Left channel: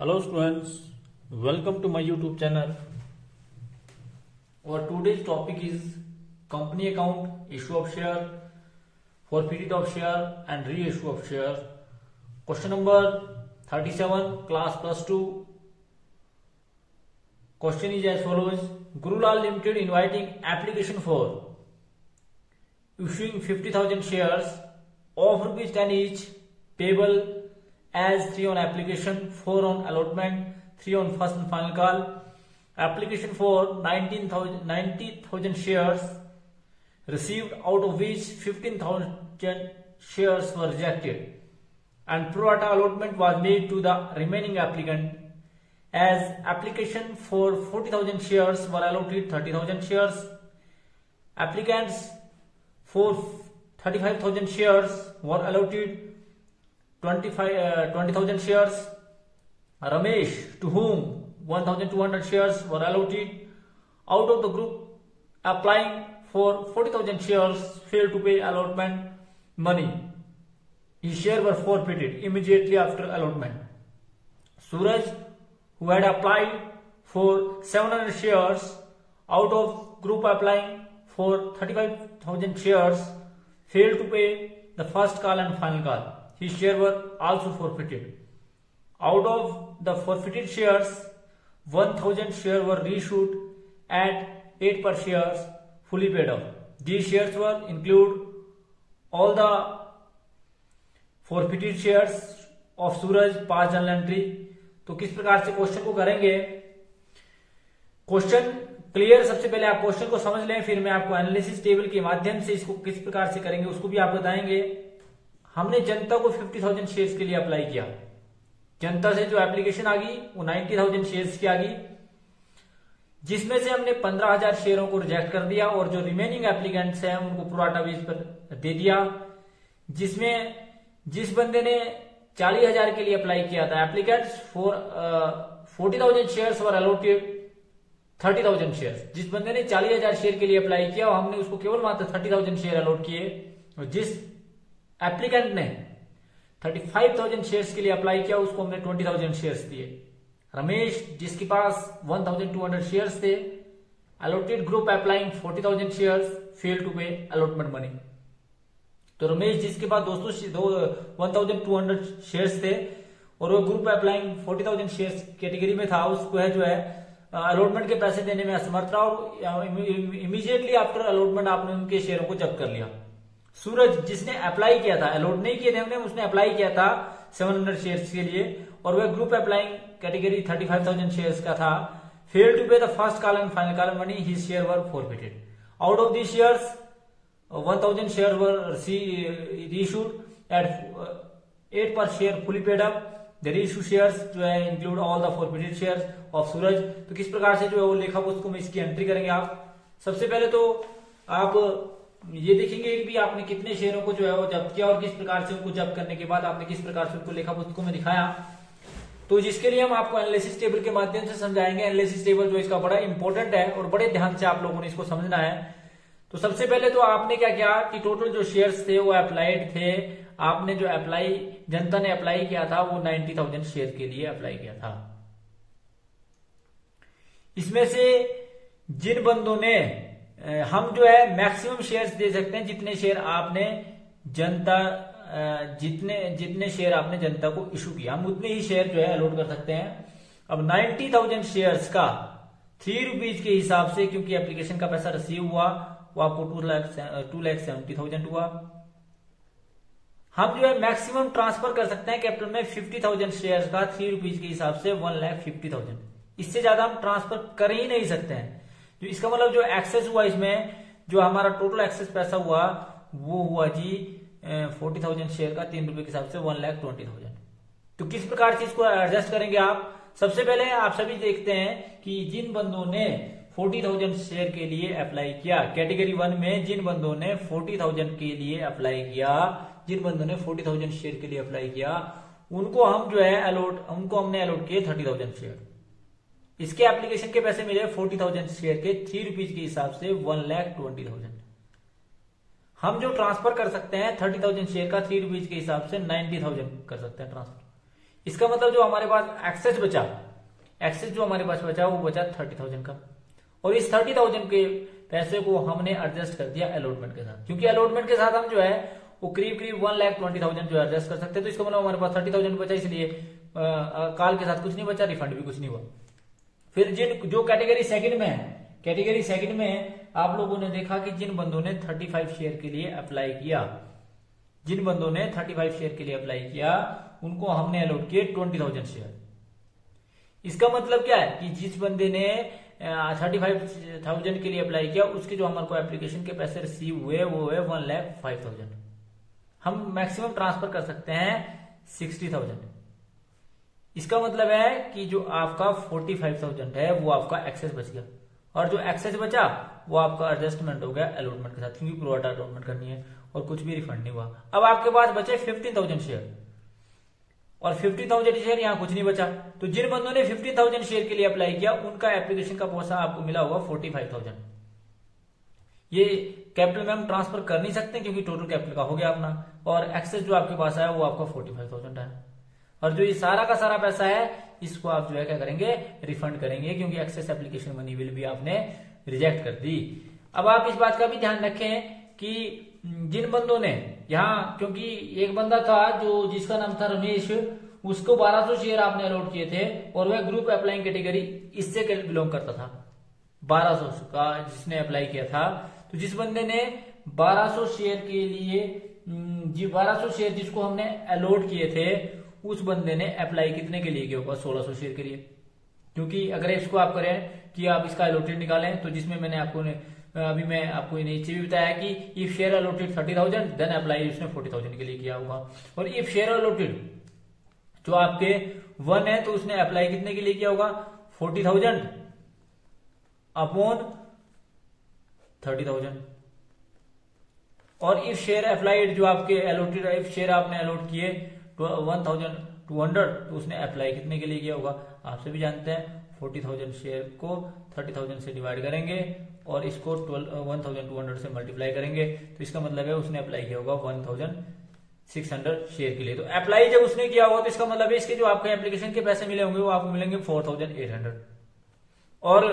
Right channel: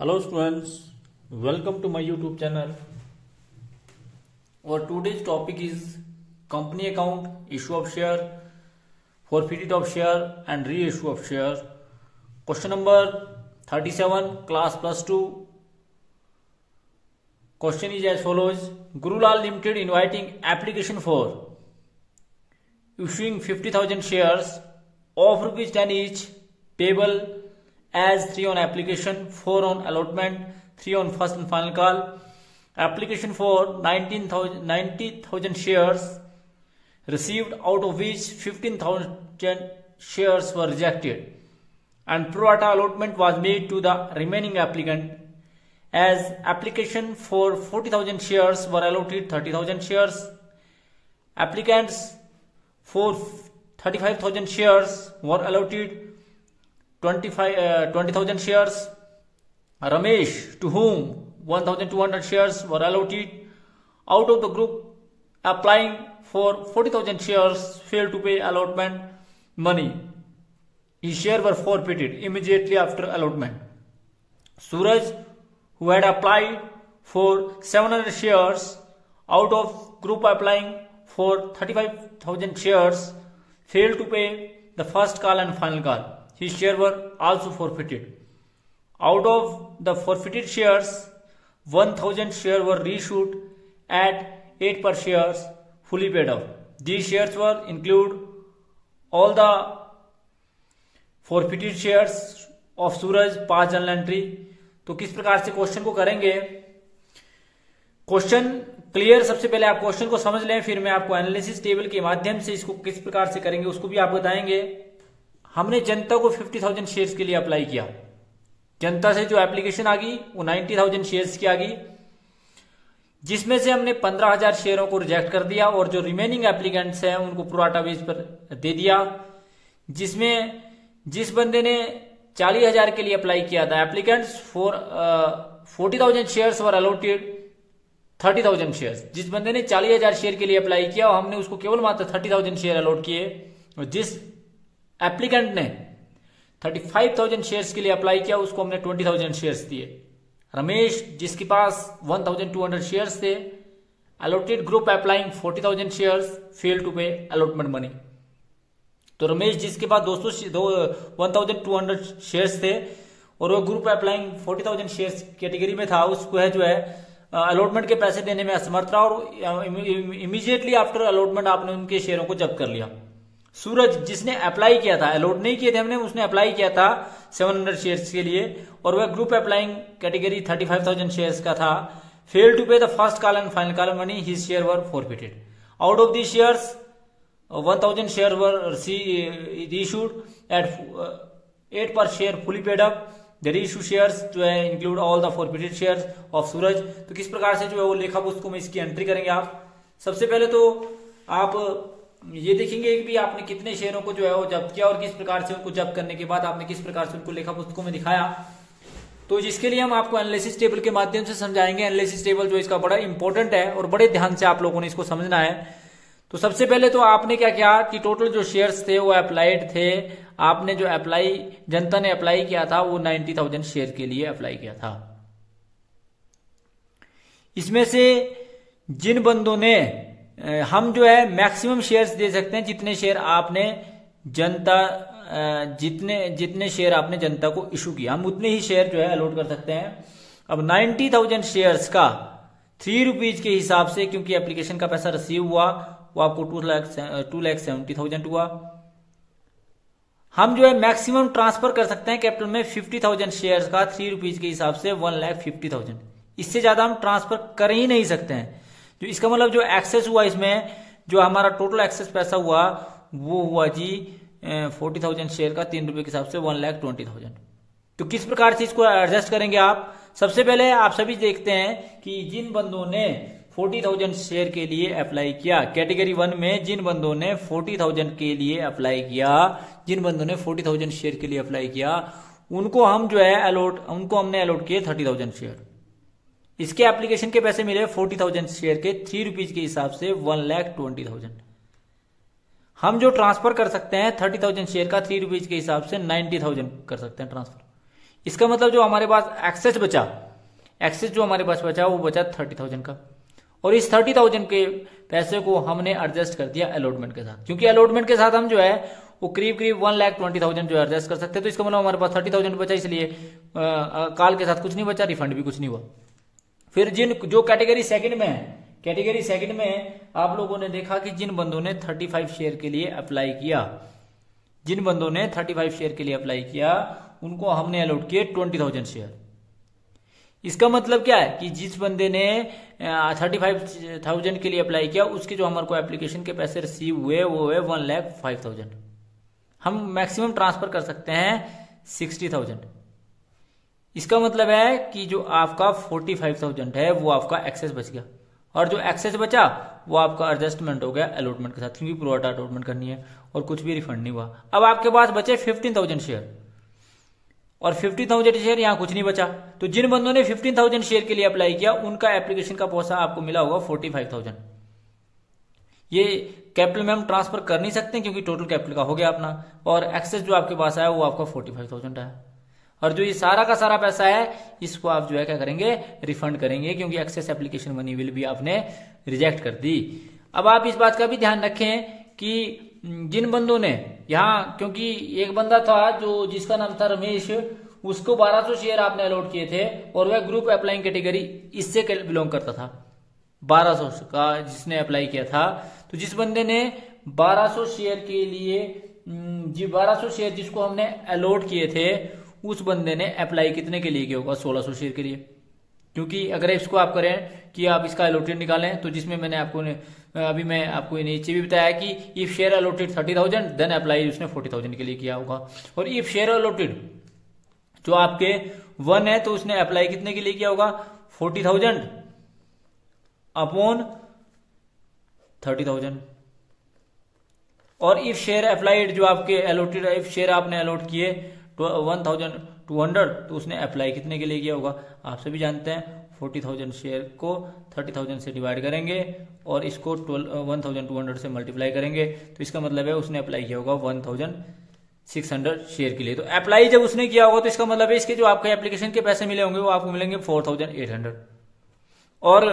Hello students, welcome to my YouTube channel. Our today's topic is company account, issue of share, forfeit of share and reissue of share. Question number 37, class plus 2. Question is as follows. Gurulal Limited inviting application for issuing 50,000 shares of rupees 10 each, payable as 3 on application, 4 on allotment, 3 on first and final call. Application for 90,000 shares received, out of which 15,000 shares were rejected, and pro rata allotment was made to the remaining applicant. As application for 40,000 shares were allotted 30,000 shares. Applicants for 35,000 shares were allotted 20,000 shares. Ramesh, to whom 1,200 shares were allotted, out of the group applying for 40,000 shares, failed to pay allotment money. His shares were forfeited immediately after allotment. Suraj, who had applied for 700 shares, out of group applying for 35,000 shares, failed to pay the first call and final call. His shares were also forfeited. Out of the forfeited shares, 1,000 shares were reissued at 8 per shares, fully paid off. These shares will include all the forfeited shares of Suraj, past journal entry. तो किस प्रकार से question को करेंगे? Question clear, सबसे पहले आप question को समझ लें, फिर मैं आपको एनालिसिस टेबल के माध्यम से इसको किस प्रकार से करेंगे उसको भी आप बताएंगे। हमने जनता को 50,000 शेयर्स के लिए अप्लाई किया। जनता से जो एप्लीकेशन आ गई वो 90,000 शेयर्स की आ गई, जिसमें से हमने 15,000 शेयरों को रिजेक्ट कर दिया और जो रिमेनिंग एप्लीकेंट्स हैं उनको प्रो राटा बेस पर दे दिया। जिसमें जिस बंदे ने 40,000 के लिए अप्लाई किया था, applicants for 40,000 shares were allotted 30,000 shares. जिस बंदे ने 40,000 शेयर के लिए अप्लाई किया हमने उसको केवल मात्र 30,000 शेयर अलॉट किए, और जिस एप्लीकेंट ने 35,000 शेयर्स के लिए अप्लाई किया उसको हमने 20,000 शेयर्स दिए। रमेश, जिसके पास 1,200 शेयर्स थे, allotted group applying 40,000 shares, fail to pay allotment money. तो रमेश जिसके पास 1,200 शेयर्स थे और वो ग्रुप अप्लाइंग 40,000 शेयर्स कैटेगरी में था, उसको है जो है अलॉटमेंट के पैसे देने में असमर्थ रहा और इमीडिएटली आफ्टर अलॉटमेंट आपने उनके शेयरों को जब्त कर लिया। सूरज, जिसने अप्लाई किया था, अलॉट नहीं किए थे हमने, उसने अप्लाई किया था 700 शेयर्स के लिए और वह ग्रुप अप्लाइंग कैटेगरी 35,000 शेयर्स का था, fail to pay the first call and final call money, his share were forfeited. Out of this shares 1,000 share were reissued at 8 per share fully paid up. The reissue shares जो है include all the forfeited shares of Suraj. तो किस प्रकार से जो है वो लेखा पुस्तकों में इसकी एंट्री करेंगे आप? सबसे पहले तो आप ये देखेंगे कि भी आपने कितने शेयरों को जो है वो जब्त किया और किस प्रकार से उनको जब्त करने के बाद आपने किस प्रकार से उनको लेखा पुस्तकों में दिखाया। तो जिसके लिए हम आपको एनालिसिस टेबल के माध्यम से समझाएंगे। एनालिसिस टेबल जो इसका बड़ा इंपॉर्टेंट है और बड़े ध्यान से आप लोगों ने इसको समझना है। तो सबसे पहले तो आपने क्या किया कि टोटल जो शेयर्स थे वो अप्लाइड थे। आपने जो जनता ने अप्लाई किया था वो 90,000 शेयर के लिए अप्लाई किया था। इसमें से जिन बंदों ने हम जो है मैक्सिमम शेयर्स दे सकते हैं, जितने शेयर आपने जितने शेयर आपने जनता को इशू किया, हम उतने ही शेयर जो है अलॉट कर सकते हैं। अब 90,000 शेयर्स का 3 रुपीज के हिसाब से, क्योंकि एप्लीकेशन का पैसा रिसीव हुआ वो आपको 2,70,000 हुआ। हम जो है मैक्सिमम ट्रांसफर कर सकते हैं कैपिटल में 50,000 शेयर्स का 3 रुपीज के हिसाब से 1,50,000। इससे ज्यादा हम ट्रांसफर कर ही नहीं सकते हैं। जो इसका मतलब जो एक्सेस हुआ, इसमें जो हमारा टोटल एक्सेस पैसा हुआ वो हुआ जी 40,000 शेयर का 3 रुपए के हिसाब से 1,20,000। तो किस प्रकार से इसको एडजस्ट करेंगे आप? सबसे पहले आप सभी देखते हैं कि जिन बंदों ने 40,000 शेयर के लिए अप्लाई किया, कैटेगरी 1 में जिन बंदों ने 40,000 के लिए अप्लाई किया, जिन बंदों ने 40,000 शेयर के लिए अप्लाई किया, उनको हम जो है उनको हमने अलॉट किए 30,000 शेयर। इसके एप्लीकेशन के पैसे मिले 40,000 शेयर के 3 रुपीज के हिसाब से 1,20,000। हम जो ट्रांसफर कर सकते हैं 30,000 शेयर का 3 रुपीज के हिसाब से 90,000 कर सकते हैं ट्रांसफर। इसका मतलब जो हमारे पास एक्सेस जो हमारे पास बचा वो बचा 30,000 का, और इस 30,000 के पैसे को हमने एडजस्ट कर दिया अलॉटमेंट के साथ, क्योंकि अलॉटमेंट के साथ हम जो है वो करीब 1,20,000 जो एडजस्ट कर सकते हैं। तो इसका मतलब हमारे पास 30,000 बचा, इसलिए कॉल के साथ कुछ नहीं बचा, रिफंड भी कुछ नहीं हुआ। फिर जो कैटेगरी सेकंड में है, कैटेगरी सेकंड में आप लोगों ने देखा कि जिन बंदों ने 35 शेयर के लिए अप्लाई किया, जिन बंदों ने 35 शेयर के लिए अप्लाई किया उनको हमने अलॉट किए 20,000 शेयर। इसका मतलब क्या है कि जिस बंदे ने 35,000 के लिए अप्लाई किया उसके जो हमारे को एप्लीकेशन के पैसे रिसीव हुए वो है 1,05,000। हम मैक्सिमम ट्रांसफर कर सकते हैं 60,000। इसका मतलब है कि जो आपका 45,000 है वो आपका एक्सेस बच गया, और जो एक्सेस बचा वो आपका एडजस्टमेंट हो गया अलॉटमेंट के साथ, क्योंकि प्रोराटा अलॉटमेंट करनी है और कुछ भी रिफंड नहीं हुआ। अब आपके पास बचे 15,000 शेयर, और 15,000 शेयर यहाँ कुछ नहीं बचा। तो जिन बंदों ने 15,000 शेयर के लिए अप्लाई किया उनका एप्लीकेशन का पैसा आपको मिला होगा 45,000। ये कैपिटल में हम ट्रांसफर कर नहीं सकते क्योंकि टोटल कैपिटल का हो गया अपना, और एक्सेस जो आपके पास आया वो आपका 45,000 है। और जो ये सारा का सारा पैसा है इसको आप जो है क्या करेंगे, रिफंड करेंगे, क्योंकि एक्सेस एप्लीकेशन मनी विल भी आपने रिजेक्ट कर दी। अब आप इस बात का भी ध्यान रखें कि जिन बंदों ने यहाँ, क्योंकि एक बंदा था जो जिसका नाम था रमेश, उसको 1200 शेयर आपने अलॉट किए थे और वह ग्रुप अप्लाइंग कैटेगरी इससे बिलोंग करता था। 1200 का जिसने अप्लाई किया था, तो जिस बंदे ने 1200 शेयर के लिए 1200 शेयर जिसको हमने अलॉट किए थे उस बंदे ने अप्लाई कितने के लिए किया होगा, 1600 शेयर के लिए। क्योंकि अगर इसको आप करें कि आप इसका अलॉटेड निकालें, तो जिसमें मैंने आपको अभी मैं आपको नीचे भी बताया कि if share allotted 30,000 then apply उसने 40,000 के लिए किया होगा, और इफ शेयर अलॉटेड जो आपके 1 है तो उसने अप्लाई कितने के लिए किया होगा, 40,000 अपॉन 30,000। और इफ शेयर अप्लाइड जो आपके अलॉटेड, इफ शेयर आपने अलॉट किए 1,200 तो उसने अप्लाई कितने के लिए किया होगा, आप सभी जानते हैं 40,000 शेयर को 30,000 से डिवाइड करेंगे और इसको 1,200 से मल्टीप्लाई करेंगे, तो इसका मतलब है उसने अप्लाई किया होगा 1,600 शेयर के लिए। तो अप्लाई जब उसने किया होगा तो इसका मतलब है इसके जो आपके एप्लीकेशन के पैसे मिले होंगे वो आपको मिलेंगे 4,800, और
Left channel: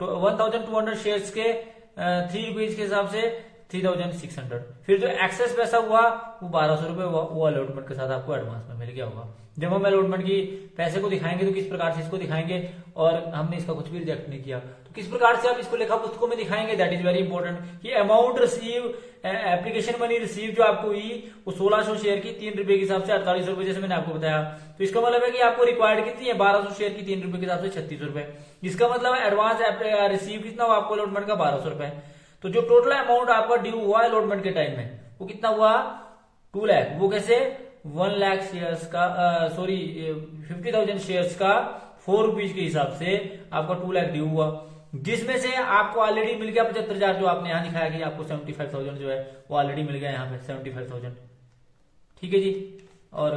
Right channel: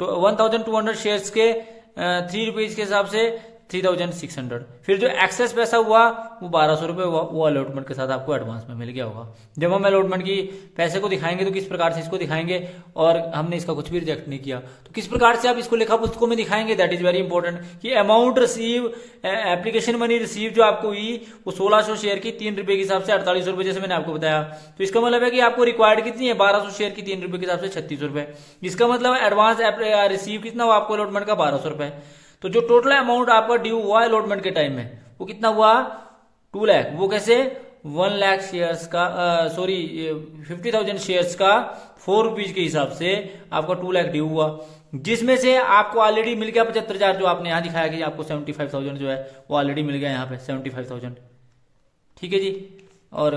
1,200 शेयर्स के 3 रुपीज के हिसाब से 3,600। फिर जो एक्सेस पैसा हुआ वो 1,200 रुपए हुआ, वो अलॉटमेंट के साथ आपको एडवांस में मिल गया होगा। जब हम अलॉटमेंट की पैसे को दिखाएंगे तो किस प्रकार से इसको दिखाएंगे, और हमने इसका कुछ भी रिजेक्ट नहीं किया तो किस प्रकार से आप इसको लेखा पुस्तकों में दिखाएंगे, दैट इज वेरी इंपॉर्टेंट। कि amount receive, application money receive जो आपको हुई वो 1600 शेयर की 3 रुपए के हिसाब से 48 रुपए, जैसे मैंने आपको बताया। तो इसका मतलब है कि आपको रिक्वायर्ड कितनी है, 1200 शेयर की 3 रुपए के हिसाब से 36 रुपए। इसका मतलब है एडवांस रिसीव कितना हुआ आपको अलॉटमेंट का, 1200 रुपए। तो जो टोटल अमाउंट आपका ड्यू हुआ अलॉटमेंट के टाइम में वो कितना हुआ, 2 लाख। वो कैसे, 1 लाख शेयर्स का 50,000 शेयर्स का 4 रुपीज के हिसाब से आपका 2 लाख ड्यू हुआ, जिसमें से आपको ऑलरेडी मिल गया 75,000, जो आपने यहां दिखाया कि आपको 75,000 जो है वो ऑलरेडी मिल गया यहाँ पे 75,000। ठीक है जी, और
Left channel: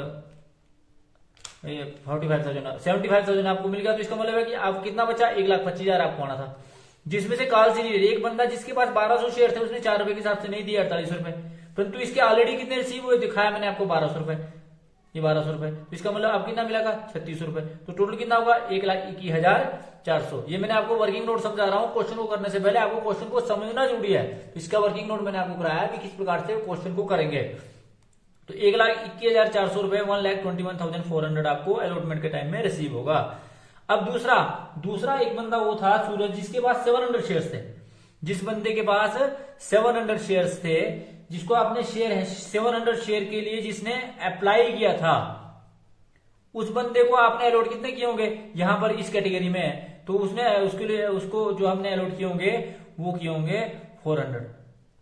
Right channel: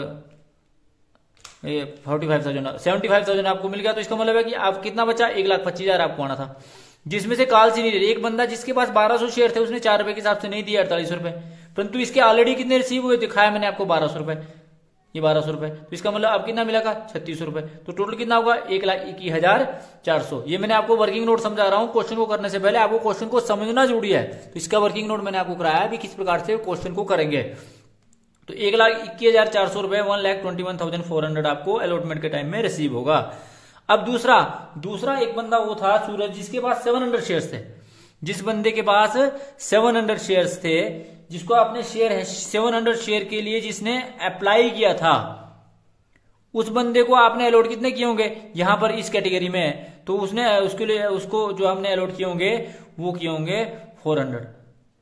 ये 75,000 आपको मिल गया। तो इसका मतलब है कि आप कितना बचा, 1,25,000 आपको आना था, जिसमें से काल से नहीं रही। एक बंदा जिसके पास 1200 शेयर थे उसने 4 रुपए के हिसाब से नहीं दिया 48 रुपए, परंतु इसके ऑलरेडी कितने रिसीव हुए दिखाया मैंने आपको 1200 रुपए, ये 1200 रुपए। तो इसका मतलब अब कितना मिलेगा, 36 रुपए। तो टोटल कितना होगा, 1,21,400। ये मैंने आपको वर्किंग नोट समझा रहा हूँ, क्वेश्चन को करने से पहले आपको क्वेश्चन को समझना जरूरी है। तो इसका वर्किंग नोट मैंने आपको कराया भी किस प्रकार से क्वेश्चन को करेंगे। तो 1,21,400 रुपए 1,21,400 आपको अलॉटमेंट के टाइम में रिसीव होगा। अब दूसरा एक बंदा वो था सूरज, जिसके पास 700 शेयर्स थे। जिस बंदे के पास 700 शेयर्स थे, जिसको आपने शेयर 700 शेयर के लिए जिसने अप्लाई किया था, उस बंदे को आपने अलॉट कितने किए होंगे यहां पर इस कैटेगरी में, तो उसने उसके लिए उसको जो हमने अलॉट किए होंगे वो किए होंगे 400।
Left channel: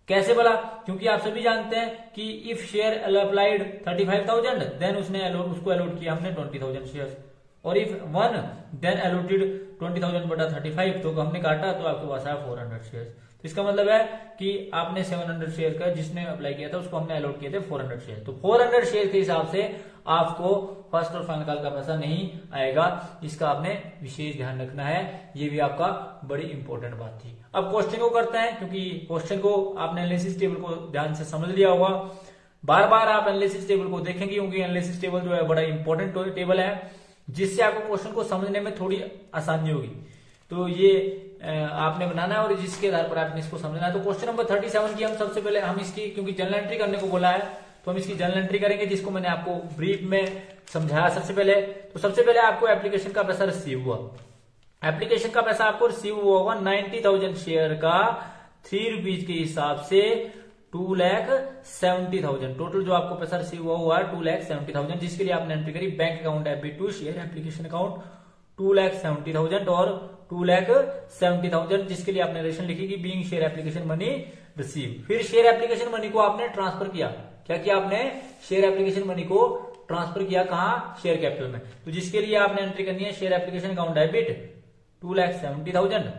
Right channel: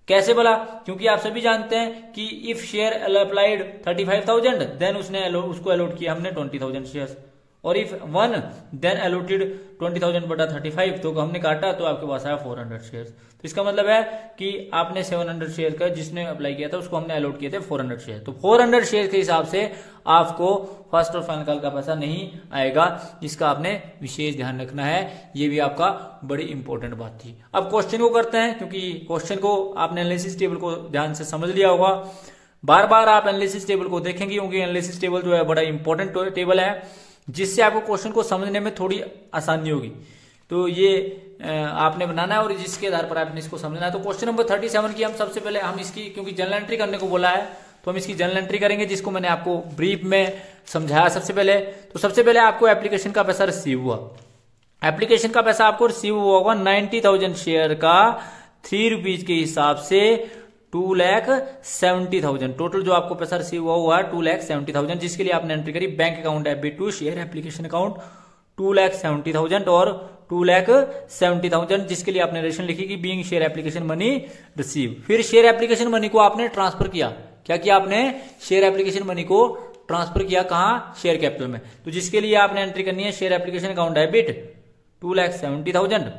कैसे बोला, क्योंकि आप सभी जानते हैं कि इफ शेयर अप्लाइड 35,000 देन उसने उसको अलॉट किया हमने 20,000 शेयर्स, और इफ 1 देन अलॉटेड 20,000 बटा 35, तो हमने काटा तो आपके पास आया 400 शेयर्स। तो इसका मतलब है कि आपने 700 शेयर का जिसने अप्लाई किया था उसको हमने अलॉट किए थे 400 शेयर। तो 400 शेयर के हिसाब से आपको फर्स्ट और फाइनल कॉल का पैसा नहीं आएगा, इसका आपने विशेष ध्यान रखना है। ये भी आपका बड़ी इंपॉर्टेंट बात थी। अब क्वेश्चन को करते हैं, क्योंकि क्वेश्चन को आपने एनालिसिस टेबल को ध्यान से समझ लिया होगा। बार बार आप एनालिसिस टेबल को देखेंगे क्योंकि एनालिसिस टेबल जो है बड़ा इंपॉर्टेंट टेबल है, जिससे आपको क्वेश्चन को समझने में थोड़ी आसानी होगी। तो ये आपने बनाना है और जिसके आधार पर आपने इसको समझना है। तो क्वेश्चन नंबर 37 की हम सबसे पहले हम इसकी, क्योंकि जर्नल एंट्री करने को बोला है, तो हम इसकी जर्नल एंट्री करेंगे, जिसको मैंने आपको ब्रीफ में समझाया सबसे पहले। तो सबसे पहले आपको एप्लीकेशन का पैसा रिसीव हुआ, एप्लीकेशन का पैसा आपको रिसीव हुआ होगा 90,000 शेयर का 3 रुपीज के हिसाब से 2,70,000। टोटल जो आपको पैसा रिसीव हुआ है 2,70,000, जिसके लिए आपने एंट्री करी bank account FB2 share application account 2,70,000 और 2,70,000, जिसके लिए आपने रेशन लिखी कि being share application money receive. फिर शेयर एप्लीकेशन मनी को आपने ट्रांसफर किया, क्या किया आपने? शेयर एप्लीकेशन मनी को ट्रांसफर किया, कहां? शेयर कैपिटल में। तो जिसके लिए आपने एंट्री करनी है शेयर एप्लीकेशन अकाउंट डेबिट 2,70,000।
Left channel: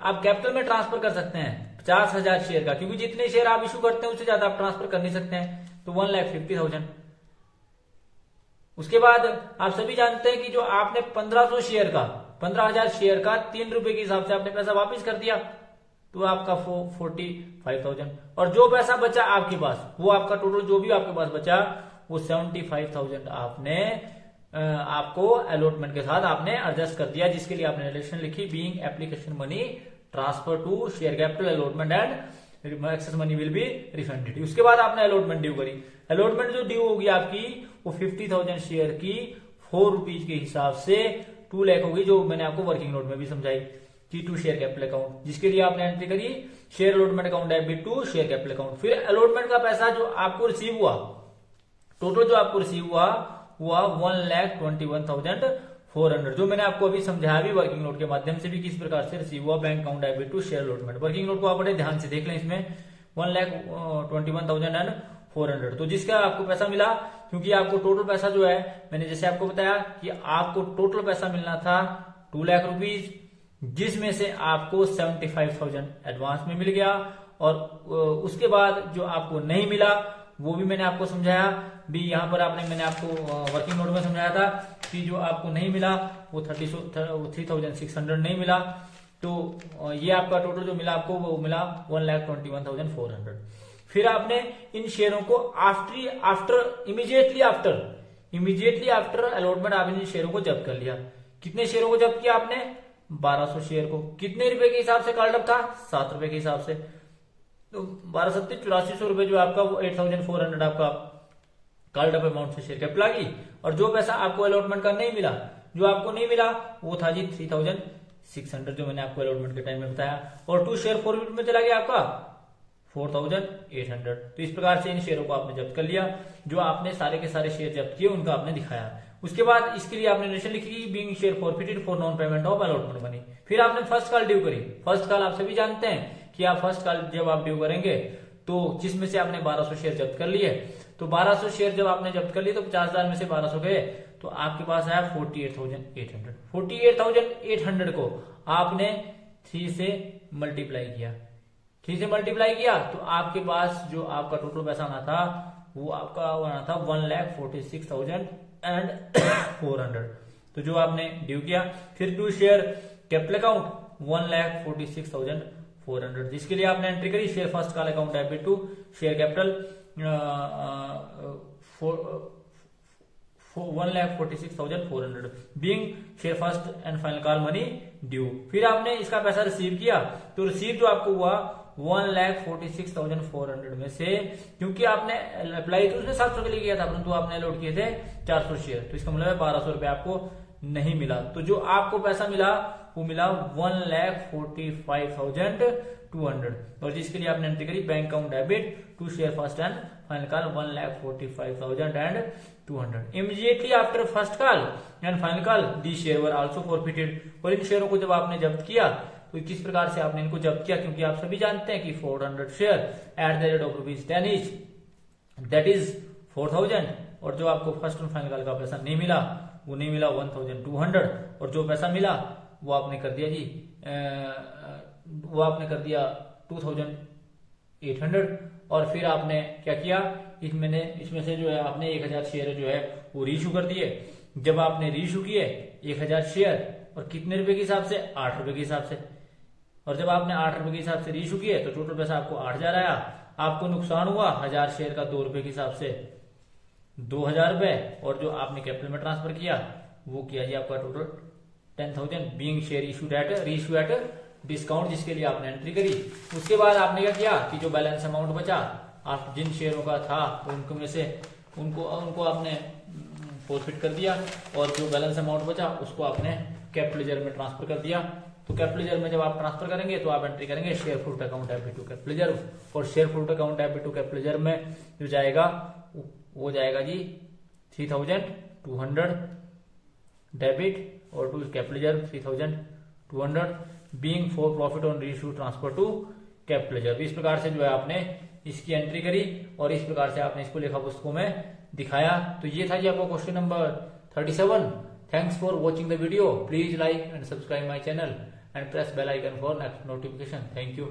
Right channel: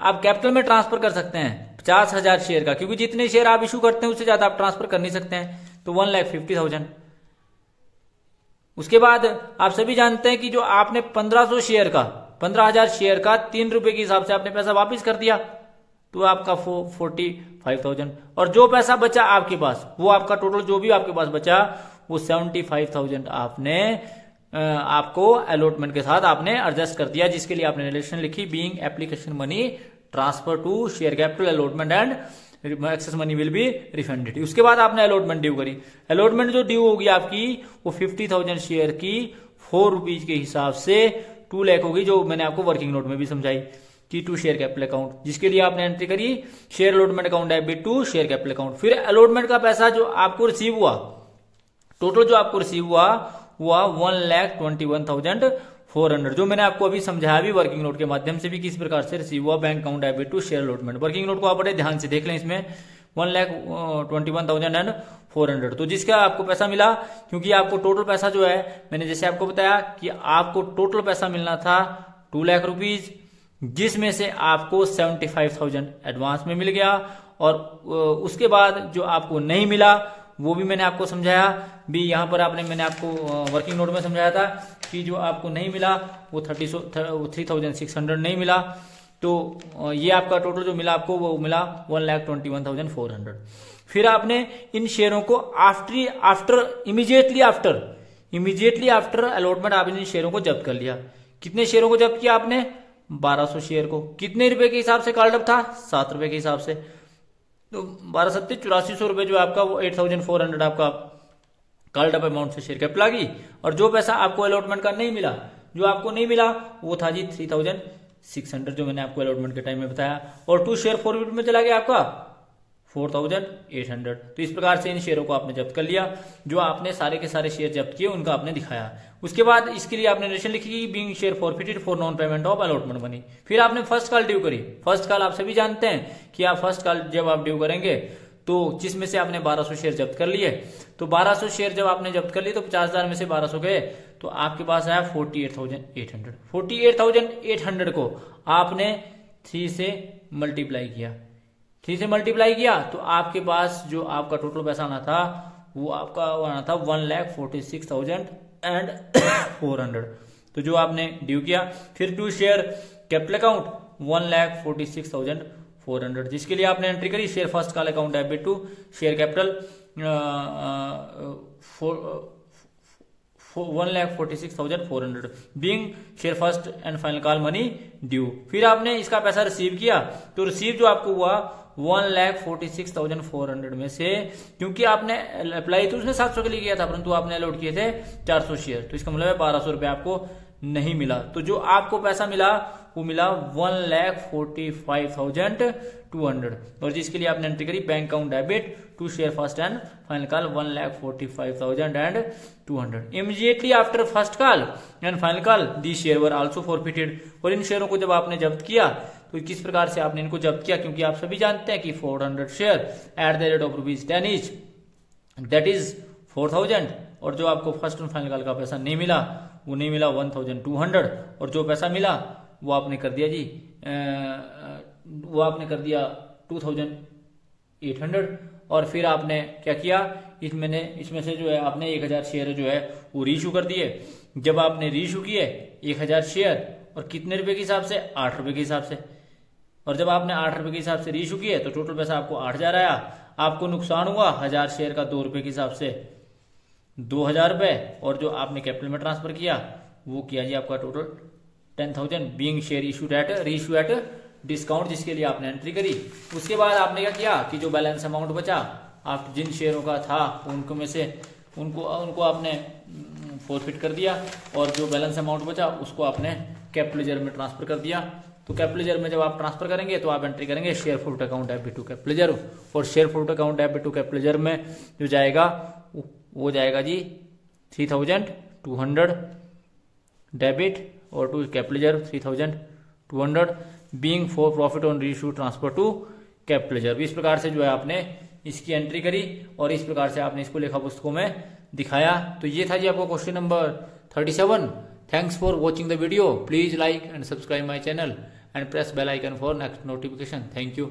आप कैपिटल में ट्रांसफर कर सकते हैं 50,000 शेयर का, क्योंकि जितने शेयर आप इशू करते हैं उससे ज्यादा आप ट्रांसफर कर नहीं सकते हैं, तो 1,50,000। उसके बाद आप सभी जानते हैं कि जो आपने 15,000 शेयर का 3 रुपए के हिसाब से आपने पैसा वापस कर दिया, तो आपका 45,000। और जो पैसा बचा आपके पास, वो आपका टोटल जो भी आपके पास बचा वो 75,000 आपने आपको अलॉटमेंट के साथ आपने एडजस्ट कर दिया, जिसके लिए आपने रिलेशन लिखी being application money transfer to share capital allotment and excess money will be refunded. उसके बाद आपने अलॉटमेंट ड्यू करी, अलॉटमेंट जो ड्यू होगी आपकी वो 50,000 शेयर की 4 रुपीज के हिसाब से 2 लाख होगी, जो मैंने आपको वर्किंग नोट में भी समझाई कि टू शेयर कैपिटल अकाउंट, जिसके लिए आपने एंट्री करी share allotment account FB2 share capital account. फिर अलॉटमेंट का पैसा जो आपको रिसीव हुआ, टोटल जो आपको रिसीव हुआ 1,21,400, जो मैंने आपको अभी समझाया भी वर्किंग नोट के माध्यम से भी किस प्रकार से रिसीव हुआ bank account FB2 share allotment. Working note को आप बड़े ध्यान से देख लें, इसमें 1,21,400, तो जिसका आपको पैसा मिला, क्योंकि आपको टोटल पैसा जो है मैंने जैसे आपको बताया कि आपको टोटल पैसा मिलना था 2 लाख रुपीज, जिसमें से आपको 75,000 एडवांस में मिल गया, और उसके बाद जो आपको नहीं मिला वो भी मैंने आपको समझाया भी, यहाँ पर मैंने आपको वर्किंग नोट में समझाया था कि जो आपको नहीं मिला वो 3,600 नहीं मिला, तो ये आपका टोटल जो मिला आपको वो मिला 1,21,400। फिर आपने इन शेयरों को इमीडिएटली आफ्टर अलॉटमेंट आपने इन शेयरों को जब्त कर लिया। कितने शेयरों को जब्त किया आपने? 1200 शेयर को। कितने रुपए के हिसाब से कॉल्ड अप था? 7 रुपए के हिसाब से। तो 12 7 8400 रुपए जो आपका वो 8,400 आपका कॉल्ड अप अमाउंट से शेयर कैपिटल आ गई। और जो पैसा आपको अलॉटमेंट का नहीं मिला, जो आपको नहीं मिला वो था जी 3,600, जो मैंने आपको अलॉटमेंट के टाइम में बताया, और 2 शेयर फॉरवर्ड में चला गया आपका 4,800। तो इस प्रकार से इन शेयरों को आपने जब्त कर लिया, जो आपने सारे के सारे शेयर जब्त किए उनका आपने दिखाया। उसके बाद इसके लिए आपने रेशन लिखी कि being share forfeited for non payment of allotment money. फिर आपने फर्स्ट कॉल ड्यू करी। फर्स्ट कॉल आप सभी जानते हैं कि आप फर्स्ट कॉल जब आप ड्यू करेंगे तो जिसमें से आपने 1200 शेयर जब्त कर लिए, तो 1200 शेयर जब आपने जब्त कर लिए तो 50,000 में से 1200 गए, तो आपके पास आया 48,800। 48,800 को आपने 3 से मल्टीप्लाई किया, 3 से मल्टीप्लाई किया तो आपके पास जो आपका टोटल पैसा आना था वो आपका आना था 1,46,400। तो जो आपने ड्यू किया, फिर टू शेयर कैपिटल अकाउंट 1,46,400, जिसके लिए आपने एंट्री करी share first call account FB2 share capital 1,46,400 being share first and final call money due. फिर आपने इसका पैसा रिसीव किया, तो रिसीव जो आपको हुआ 1,46,400 में से, क्योंकि आपने अप्लाई तो उसने 700 के लिए किया था, परंतु आपने अलॉट किए थे 400 शेयर, तो इसका मतलब है 1200 रुपए आपको नहीं मिला। तो जो आपको पैसा मिला वो मिला 1,45,200, और जिसके लिए आपने एंट्री करी bank account debit to share first and final call 1,45,200। Immediately after first call and final call the share were also forfeited. और इन शेयरों को जब आपने जब्त किया तो किस प्रकार से आपने इनको जब्त किया, क्योंकि आप सभी जानते हैं कि 400 share at the rate of ₹10 each, that is 4,000। और जो आपको फर्स्ट एंड फाइनल कॉल का पैसा नहीं मिला वो नहीं मिला 1,200, और जो पैसा मिला वो आपने कर दिया जी 2,800। और फिर आपने क्या किया, इसमें से जो है आपने 1,000 शेयर जो है वो रीइशू कर दिए। जब आपने रीइशू किए 1,000 शेयर, और कितने रुपए के हिसाब से? 8 रुपए के हिसाब से। और जब आपने 8 रुपए के हिसाब से रीइशू किए तो टोटल पैसा आपको 8,000 आया। आपको नुकसान हुआ 1000 शेयर का 2 रुपए के हिसाब से 2000 रुपए, और जो आपने कैपिटल में ट्रांसफर किया वो किया जी आपका total 10,000 being share issued at reissue at discount, जिसके लिए आपने एंट्री करी। उसके बाद आपने क्या किया कि जो बैलेंस अमाउंट बचा, आप जिन शेयरों का था उनको में से उनको आपने फॉरफिट कर दिया, और जो बैलेंस अमाउंट बचा उसको आपने कैपिटल लेजर में ट्रांसफर कर दिया। तो कैपिटल लेजर में जब आप ट्रांसफर करेंगे तो आप एंट्री करेंगे share forfeit account debit to capital ledger, और share forfeit account debit to capital ledger में जो जाएगा वो जाएगा जी 3200 डेबिट, और to capital ledger 3200 being for profit on reissue transfer to capital ledger. इस प्रकार से जो है आपने इसकी एंट्री करी, और इस प्रकार से आपने इसको लेखा पुस्तकों में दिखाया। तो ये था जी आपका question number 37। Thanks for watching the video. Please like and subscribe my channel and press bell icon for next notification. Thank you.